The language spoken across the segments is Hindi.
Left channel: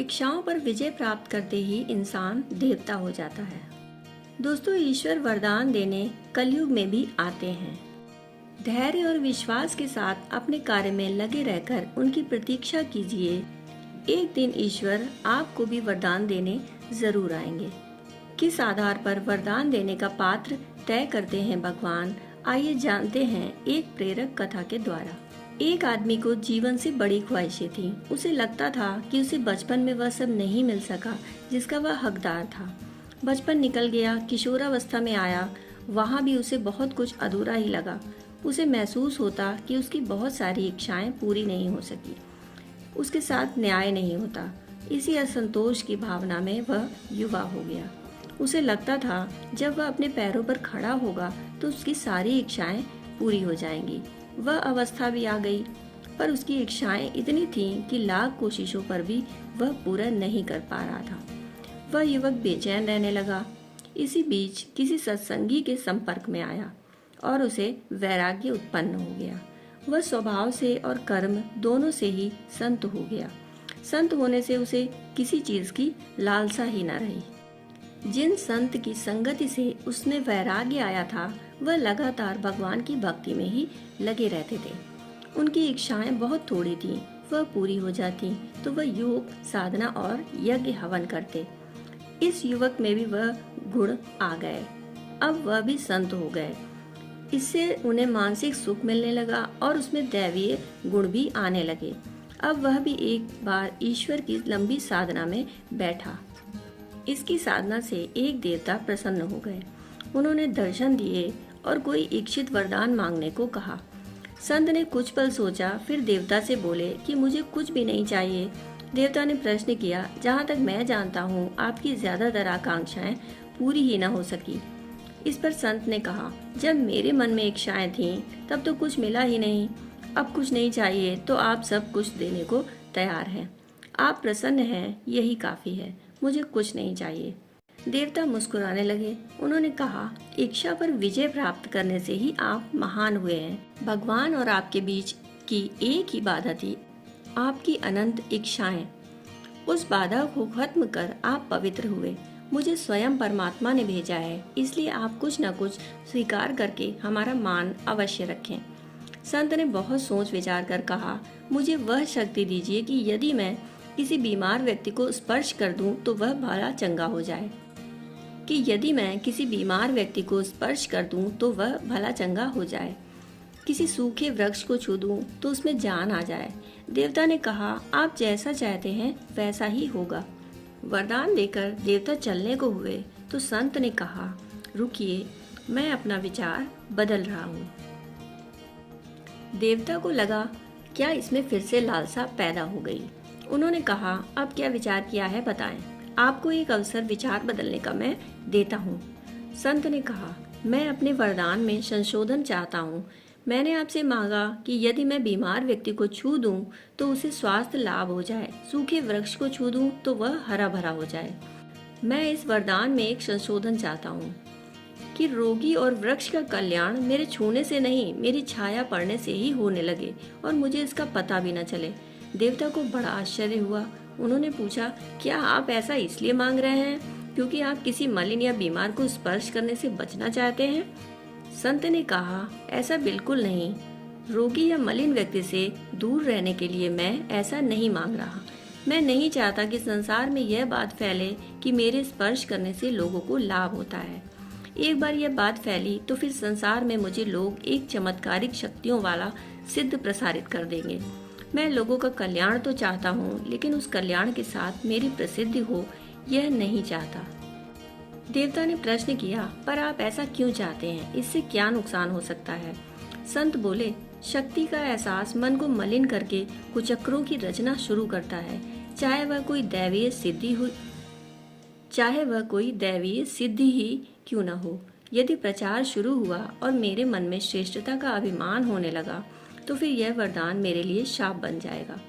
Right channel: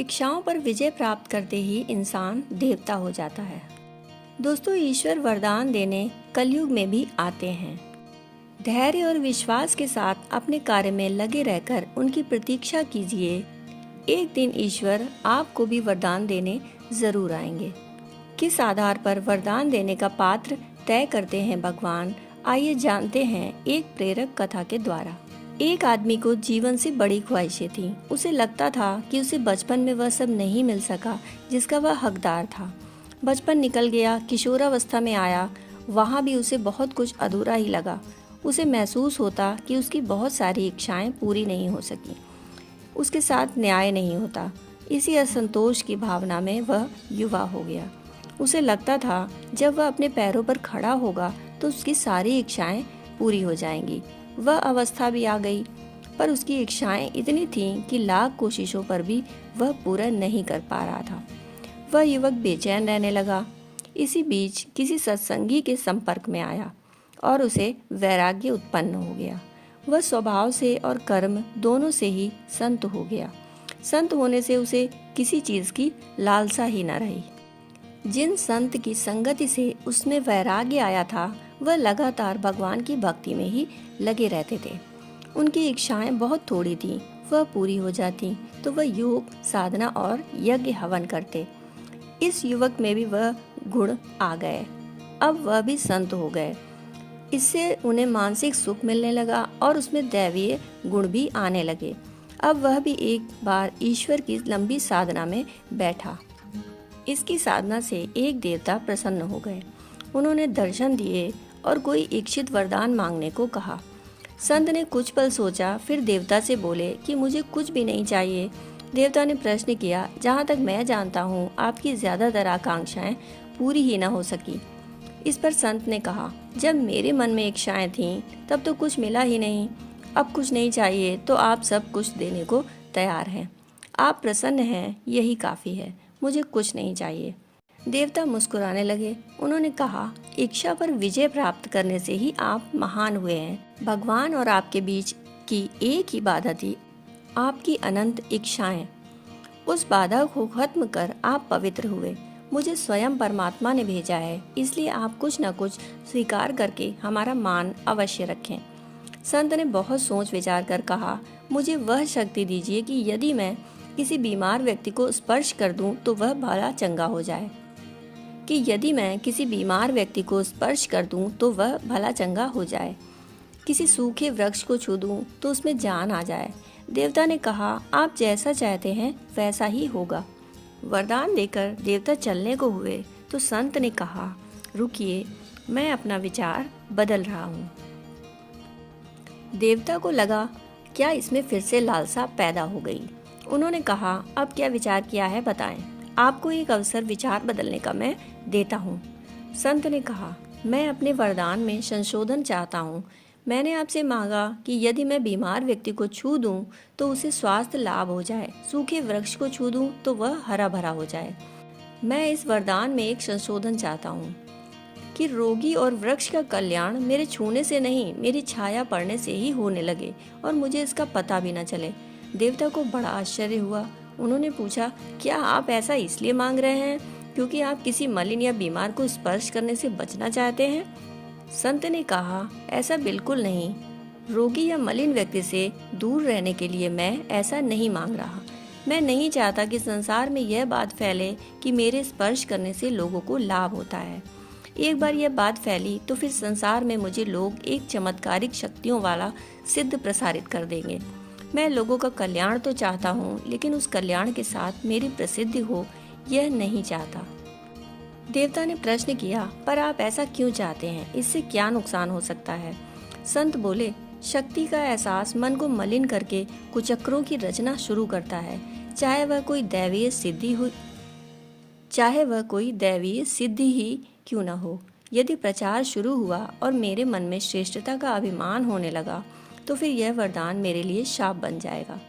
इच्छाओं पर विजय प्राप्त करते ही इंसान देवता हो जाता है। दोस्तों, ईश्वर वरदान देने कलयुग में भी आते हैं। धैर्य और विश्वास के साथ अपने कार्य में लगे रहकर उनकी प्रतीक्षा कीजिए। एक दिन ईश्वर आपको भी वरदान देने जरूर आएंगे। किस आधार पर वरदान देने का पात्र तय करते हैं भगवान, आइए जानते हैं एक प्रेरक कथा के द्वारा। एक आदमी को जीवन से बड़ी ख्वाहिशें थीं। उसे लगता था कि उसे बचपन में वह सब नहीं मिल सका जिसका वह हकदार था। बचपन निकल गया, किशोरावस्था में आया, वहाँ भी उसे बहुत कुछ अधूरा ही लगा। उसे महसूस होता कि उसकी बहुत सारी इच्छाएं पूरी नहीं हो सकी, उसके साथ न्याय नहीं होता। इसी असंतोष की भावना में वह युवा हो गया। उसे लगता था जब वह अपने पैरों पर खड़ा होगा तो उसकी सारी इच्छाएं पूरी हो जाएंगी। वह अवस्था भी आ गई, पर उसकी इच्छाएं इतनी थीं कि लाख कोशिशों पर भी वह पूरा नहीं कर पा रहा था। वह युवक बेचैन रहने लगा। इसी बीच किसी सत्संगी के संपर्क में आया और उसे वैराग्य उत्पन्न हो गया। वह स्वभाव से और कर्म दोनों से ही संत हो गया। संत होने से उसे किसी चीज की लालसा ही न रही। जिन संत की संगति से उसमें वैराग्य आया था, वह लगातार भगवान की भक्ति में ही लगे रहते थे। उनकी इच्छाएं बहुत थोड़ी थीं, वह पूरी हो जाती तो वह योग, साधना और यज्ञ हवन करते। इस युवक में भी वह गुण आ गए। अब वह भी संत हो गए। इससे उन्हें मानसिक सुख मिलने लगा और उसमें दैवीय गुण भी आने लगे। अब वह भी एक बार ईश्वर की लंबी साधना में बैठा। इसकी साधना से एक देवता प्रसन्न हो गए। उन्होंने दर्शन दिए और कोई इच्छित वरदान मांगने को कहा। संत ने कुछ पल सोचा, फिर देवता से बोले कि मुझे कुछ भी नहीं चाहिए। देवता ने प्रश्न किया, जहाँ तक मैं जानता हूँ आपकी ज्यादातर आकांक्षाएं पूरी ही न हो सकी। इस पर संत ने कहा, जब मेरे मन में इच्छाएं थीं तब तो कुछ मिला ही नहीं। अब कुछ नहीं चाहिए तो आप सब कुछ देने को तैयार हैं। आप प्रसन्न हैं, यही काफी है, मुझे कुछ नहीं चाहिए। देवता मुस्कुराने लगे। उन्होंने कहा, इच्छा पर विजय प्राप्त करने से ही आप महान हुए हैं। भगवान और आपके बीच की एक ही बाधा थी, आपकी अनंत इच्छाएं। उस बाधा को खत्म कर आप पवित्र हुए। मुझे स्वयं परमात्मा ने भेजा है, इसलिए आप कुछ न कुछ स्वीकार करके हमारा मान अवश्य रखें। संत ने बहुत सोच विचार कर कहा, मुझे वह शक्ति दीजिए कि यदि मैं किसी बीमार व्यक्ति को स्पर्श कर दूं तो वह भला चंगा हो जाए। किसी सूखे वृक्ष को छू दूं तो उसमें जान आ जाए। देवता ने कहा, आप जैसा चाहते हैं वैसा ही होगा। वरदान देकर देवता चलने को हुए तो संत ने कहा, रुकिए, मैं अपना विचार बदल रहा हूँ। देवता को लगा क्या इसमें फिर से लालसा पैदा हो गई। उन्होंने कहा, अब क्या विचार किया है बताएं। आपको एक अवसर विचार बदलने का मैं देता हूँ। संत ने कहा, मैं अपने वरदान में संशोधन चाहता हूँ। मैंने आपसे मांगा कि यदि मैं बीमार व्यक्ति को छू दूं तो उसे स्वास्थ्य लाभ हो जाए, सूखे वृक्ष को छू दूं तो वह हरा भरा हो जाए। मैं इस वरदान में एक संशोधन चाहता हूँ कि रोगी और वृक्ष का कल्याण मेरे छूने से नहीं, मेरी छाया पड़ने से ही होने लगे और मुझे इसका पता भी न चले। देवता को बड़ा आश्चर्य हुआ। उन्होंने पूछा, क्या आप ऐसा इसलिए मांग रहे हैं क्योंकि आप किसी मलिन या बीमार को स्पर्श करने से बचना चाहते हैं? संत ने कहा, ऐसा बिल्कुल नहीं। रोगी या मलिन व्यक्ति से दूर रहने के लिए मैं ऐसा नहीं मांग रहा। मैं नहीं चाहता कि संसार में यह बात फैले कि मेरे स्पर्श करने से लोगों को लाभ होता है। एक बार यह बात फैली तो फिर संसार में मुझे लोग एक चमत्कारिक शक्तियों वाला सिद्ध प्रसारित कर देंगे। मैं लोगों का कल्याण तो चाहता हूँ, लेकिन उस कल्याण के साथ मेरी प्रसिद्धि हो यह नहीं चाहता। देवता ने प्रश्न किया, पर आप ऐसा क्यों चाहते हैं? इससे क्या नुकसान हो सकता है? संत बोले, शक्ति का एहसास मन को मलिन करके कुचक्रों की रचना शुरू करता है, चाहे वह कोई दैवीय सिद्धि ही क्यों न हो। यदि प्रचार शुरू हुआ और मेरे मन में श्रेष्ठता का अभिमान होने लगा तो फिर यह वरदान मेरे लिए शाप बन जाएगा।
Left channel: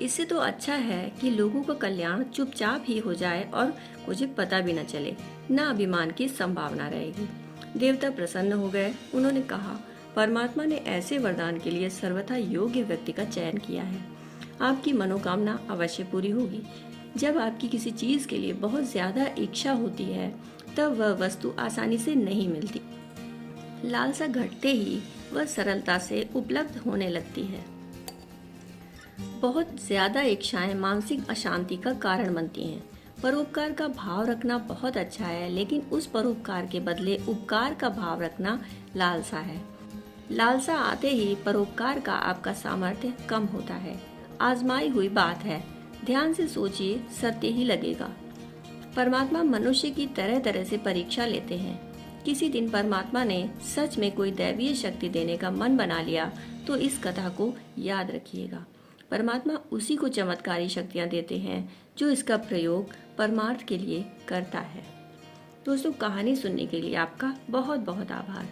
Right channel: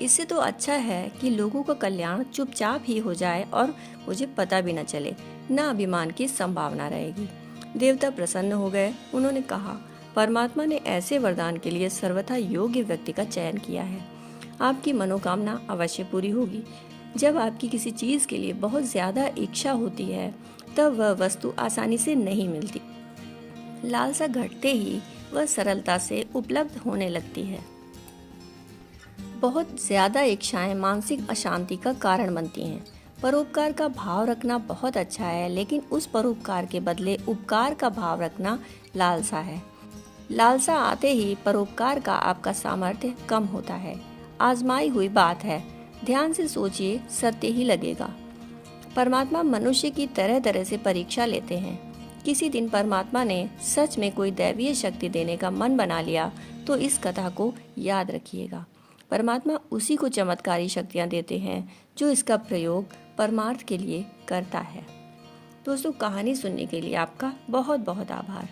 इससे तो अच्छा है कि लोगों का कल्याण चुपचाप ही हो जाए और मुझे पता भी न चले, न अभिमान की संभावना रहेगी। देवता प्रसन्न हो गए। उन्होंने कहा, परमात्मा ने ऐसे वरदान के लिए सर्वथा योग्य व्यक्ति का चयन किया है। आपकी मनोकामना अवश्य पूरी होगी। जब आपकी किसी चीज के लिए बहुत ज्यादा इच्छा होती है तब वह वस्तु आसानी से नहीं मिलती। लालसा घटते ही वह सरलता से उपलब्ध होने लगती है। बहुत ज्यादा इच्छाएं मानसिक अशांति का कारण बनती हैं। परोपकार का भाव रखना बहुत अच्छा है, लेकिन उस परोपकार के बदले उपकार का भाव रखना लालसा है। लालसा आते ही परोपकार का आपका सामर्थ्य कम होता है। आजमाई हुई बात है, ध्यान से सोचिए, सत्य ही लगेगा। परमात्मा मनुष्य की तरह तरह से परीक्षा लेते हैं। किसी दिन परमात्मा ने सच में कोई दैवीय शक्ति देने का मन बना लिया तो इस कथा को याद रखिएगा। परमात्मा उसी को चमत्कारी शक्तियाँ देते हैं जो इसका प्रयोग परमार्थ के लिए करता है। दोस्तों, कहानी सुनने के लिए आपका बहुत बहुत आभार।